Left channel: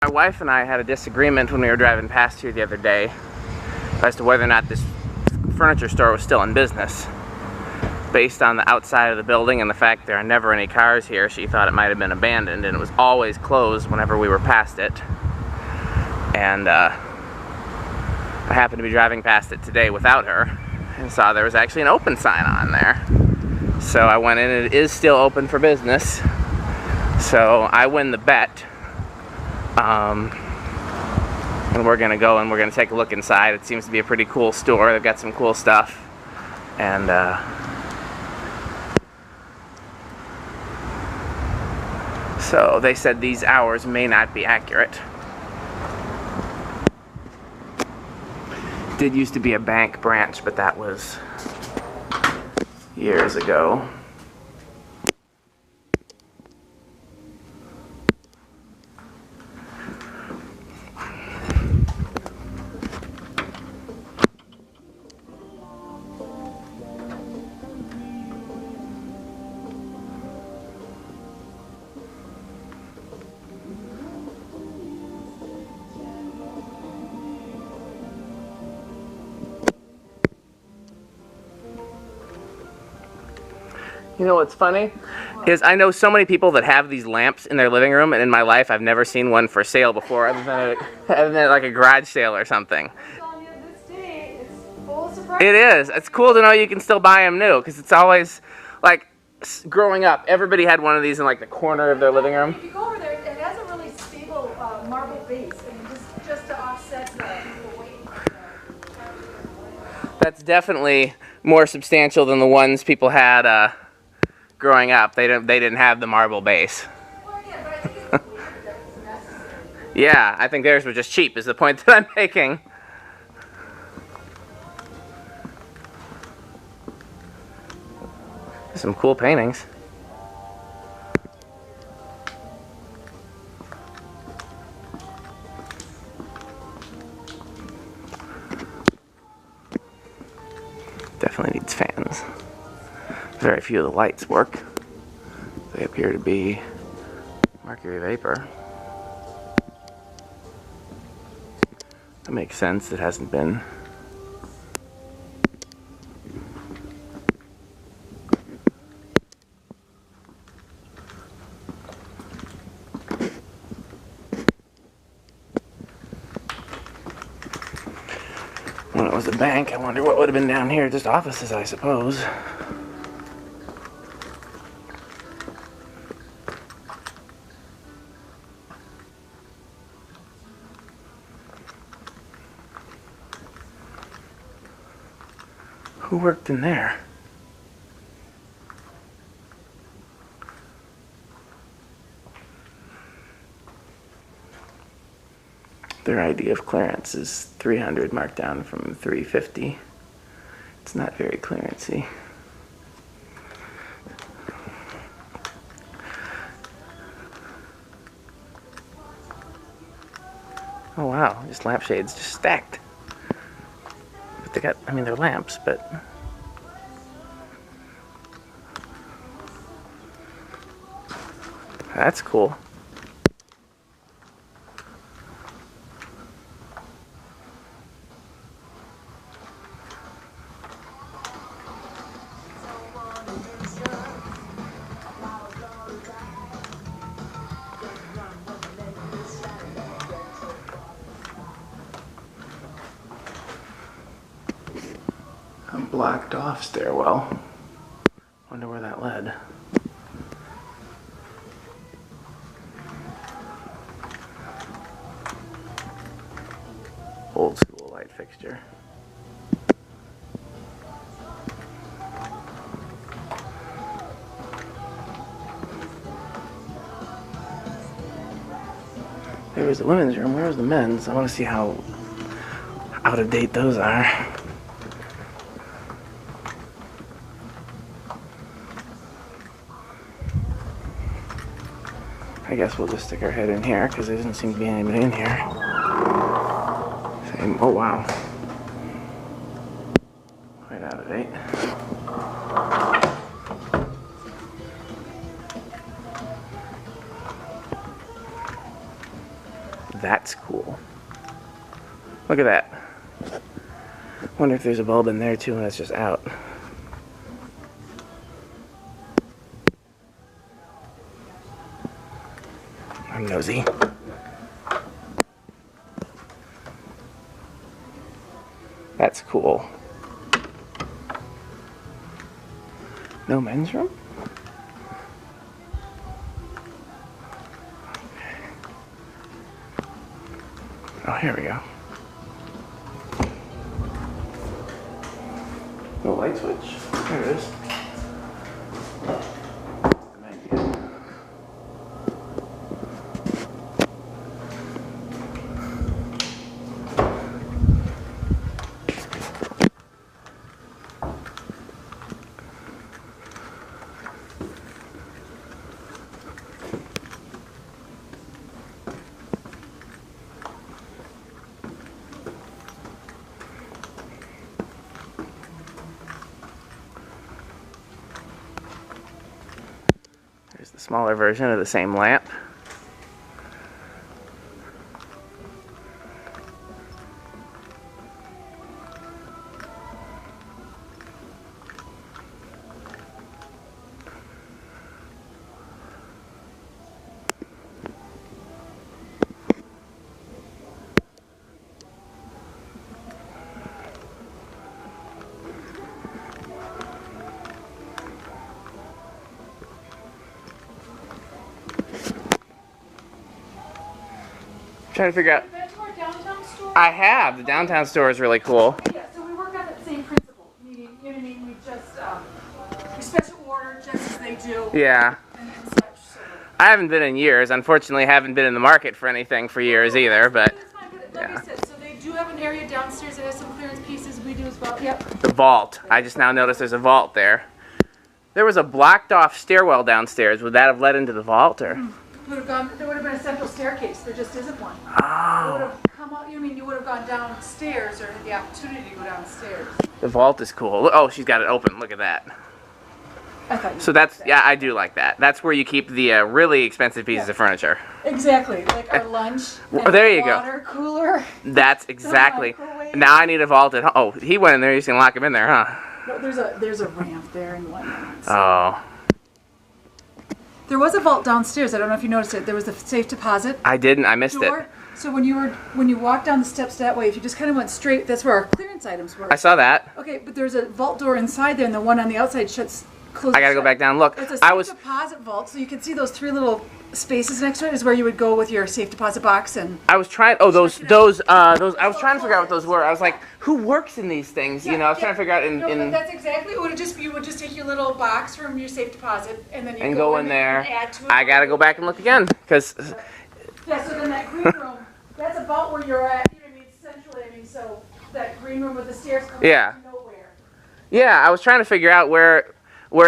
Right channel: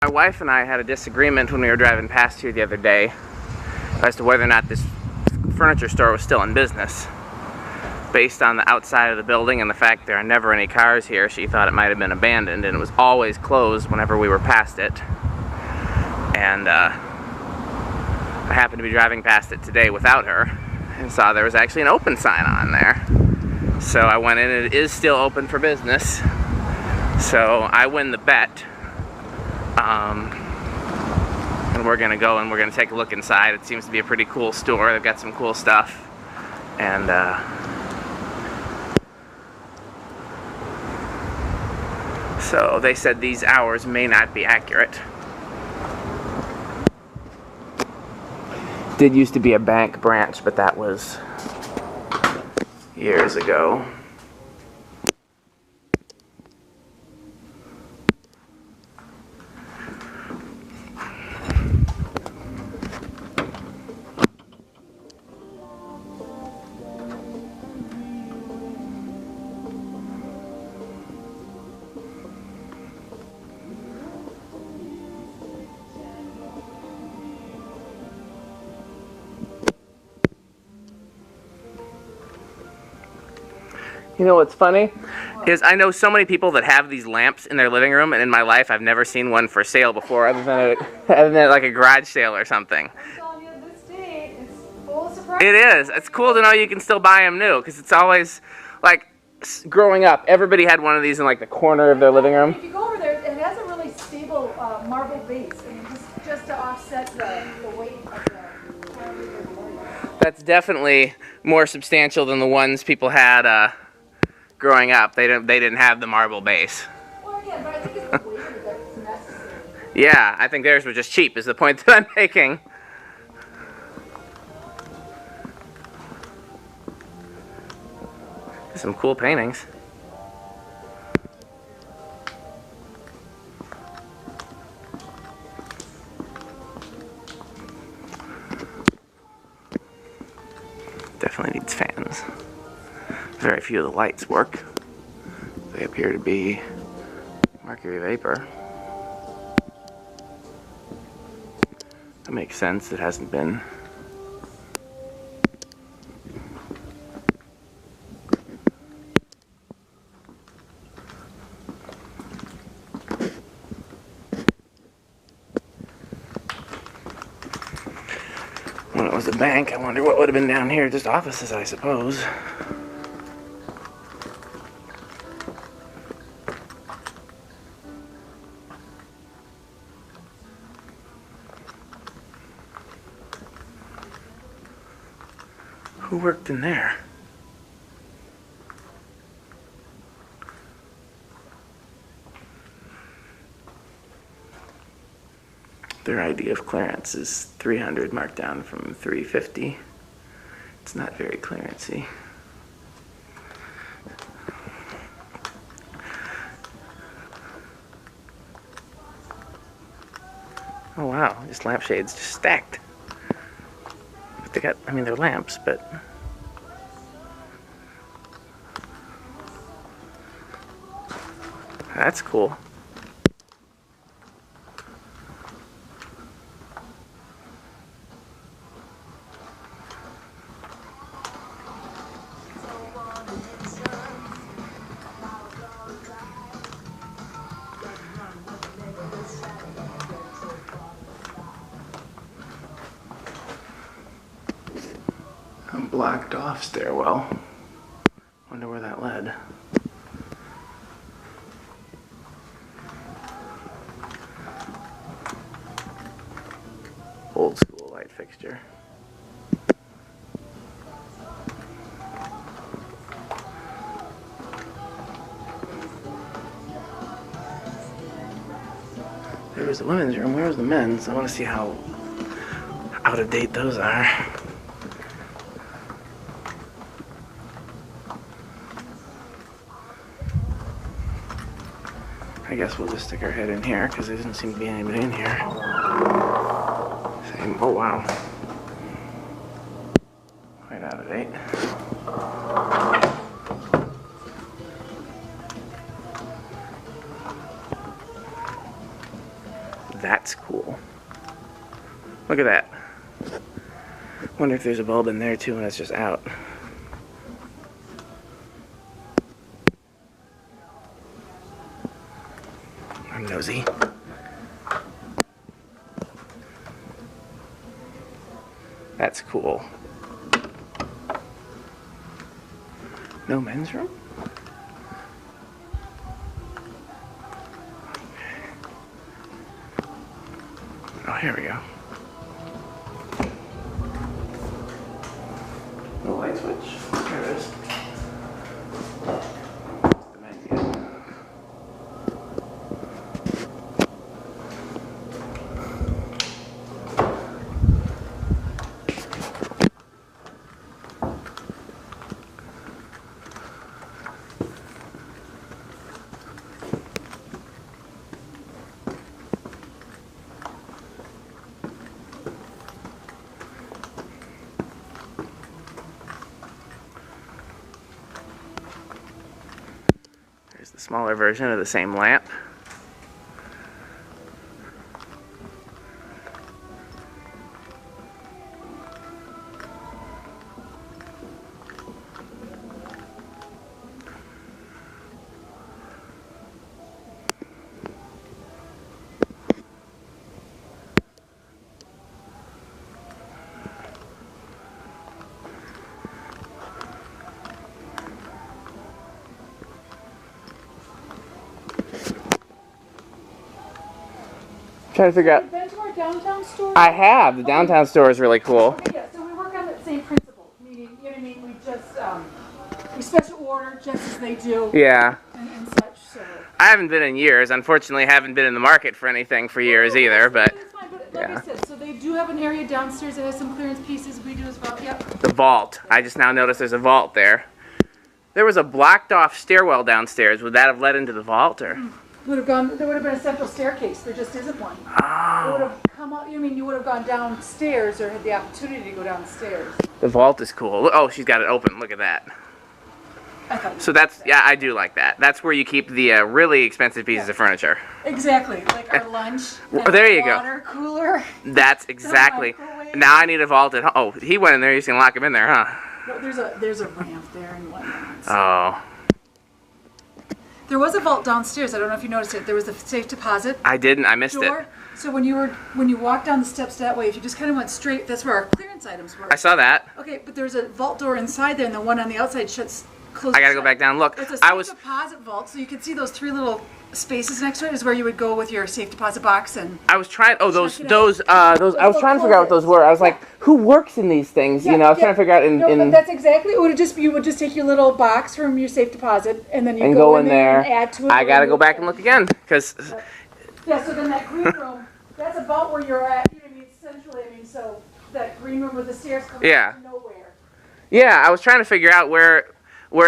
My wife and I had a disagreement when we were driving past here the other day as to whether or not this furniture store was still in business. Based on the outside of the building and the fact there are never any cars here, she thought it might have been abandoned, and it was always closed whenever we were past it. And I happened to be driving past it today without her and saw there was actually an open sign on there. So I went in, and it is still open for business. So I win the bet. And we're going to go and we're going to take a look inside. It seems to be a pretty cool store. They've got some cool stuff. And so they said these hours may not be accurate. Did used to be a bank branch, but that was years ago. You know what's funny? Is I know so many people that have these lamps in their living room, and in my life I've never seen one for sale before, other than like a garage sale or something. It is. It's cool to know you can still buy them new, because it's always, like, growing up, everybody had one of these in like the corner of their living room. If you go over there, it has a really stable marble base, I mean, just to offset the weight of the... That's definitely more substantial than the ones people had growing up. They didn't have the marble base. Well, yeah, but I think it's weird that it's necessary. Yeah, I think theirs were just cheap, is the point that I'm making. Some cool paintings. Definitely needs fans. Very few of the lights work. They appear to be mercury vapor. That makes sense. It hasn't been. When it was a bank, I wonder what would have been down here. Just offices, I suppose. Who worked in there? Their idea of clearance is 300, marked down from 350. It's not very clearancey. Oh wow, these lampshades just stacked. But they got, I mean, they're lamps, but that's cool. A blocked off stairwell. Wonder where that led. Old school light fixture. There was the women's room. Where's the men's? I want to see how out of date those are. I guess we'll just stick our head in here because there doesn't seem to be anybody in here. Oh wow. Quite out of date. That's cool. Look at that. Wonder if there's a bulb in there too and it's just out. I'm nosy. That's cool. No men's room? Oh, here we go. The light switch. There it is. The menu. There's the smaller version of the same lamp. Trying to figure out. Have you been to our downtown store? I have. The downtown store is really cool. Okay, yeah, so we work on that same principle. Meaning, you know what I mean? We just, we special order just as they do. Yeah. And such, so. I haven't been in years. Unfortunately, haven't been in the market for anything for years either, but It's fine, but yeah. like I said, so they do have an area downstairs that has some clearance pieces. We do as well. Yep. the vault. I just now noticed there's a vault there. There was a blocked off stairwell downstairs. Would that have led into the vault or? Would have gone. There would have been a central staircase. There just isn't one. It would Oh. have come out. You mean you would have gone downstairs or had the opportunity to go downstairs? The vault is cool. Oh, she's got it open. Look at that. I thought you So that's, yeah, I do like that. That's where you keep the really expensive pieces Yeah. of furniture. Exactly, like our lunch. Well, and there you go. water cooler. That's exactly. microwave. Now I need a vault at home. Oh, he went in there. He's gonna lock him in there, huh? No, there's a ramp there and whatnot. So. Oh, There was a vault downstairs. I don't know if you noticed it. There was a safe deposit I didn't. I missed it. door. So when you walked down the steps that way, if you just kind of went straight, that's where our clearance items were. I saw that. Okay, but there's a vault door inside there, and the one on the outside shuts. Closes I gotta go shut. back down and look. It's a I safe was. deposit vault, so you can see those three little spaces next to it is where you would go with your safe deposit box and. I was trying. Oh, those. I was trying to figure out what those were. I was like, who works in these things? You know, I was trying to figure out No, in but that's exactly. It would just you would just take your little box from your safe deposit and then you and go go in there. and add to it. I gotta go back and look again because. Yeah, so then that green room, that's about where you're at. You know what I mean? Centrally, I mean, so that green room with the stairs coming Yeah. out to nowhere. Yeah, I was trying to figure out where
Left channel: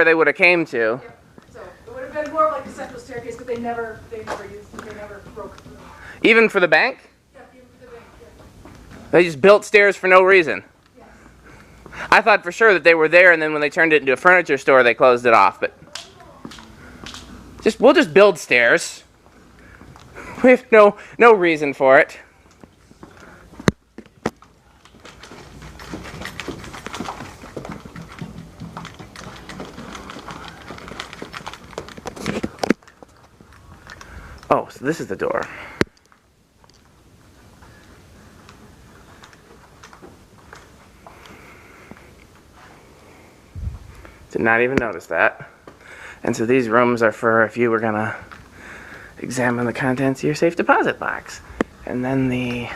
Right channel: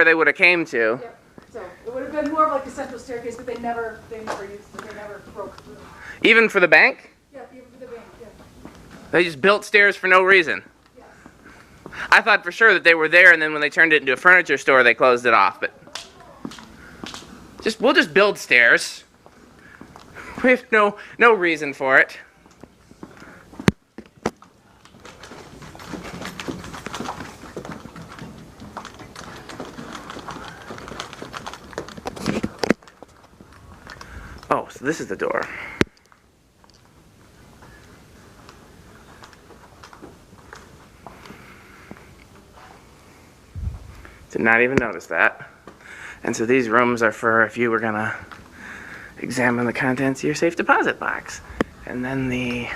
they would have came to. Yep. So it would have been more of like a central staircase, but they never broke through. Even for the bank, Yeah, even for the bank. Yeah. they just built stairs for no reason. Yes. I thought for sure that they were there, and then when they turned it into a furniture store, they closed it off. But we'll just build stairs. We have no reason for it. Oh, so this is the door. Did not even notice that. And so these rooms are for if you were gonna examine the contents of your safe deposit box. And then the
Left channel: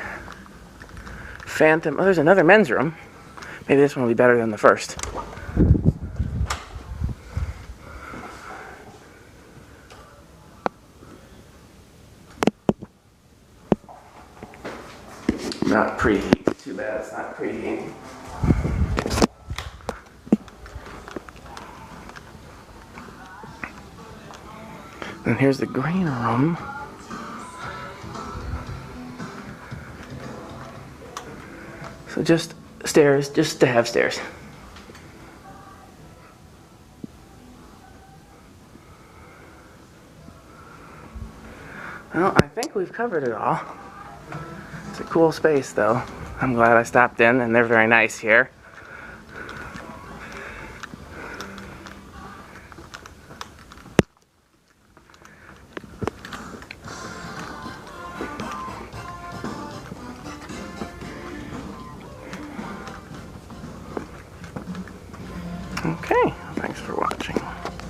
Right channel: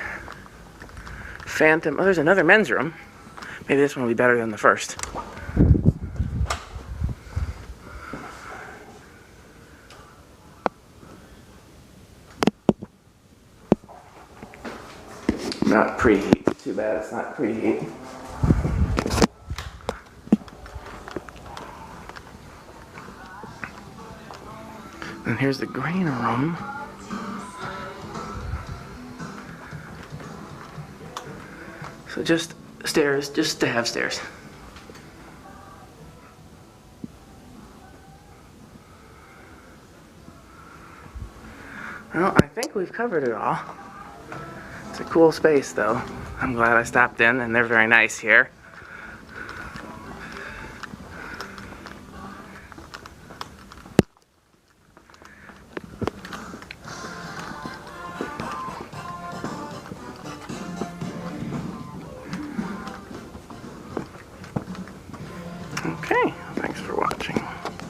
phantom, oh, there's another men's room. Maybe this one will be better than the first. Not preheat. Too bad it's not preheat. And here's the green room. So just stairs, just to have stairs. Well, I think we've covered it all. It's a cool space though. I'm glad I stopped in, and they're very nice here. Okay, thanks for watching.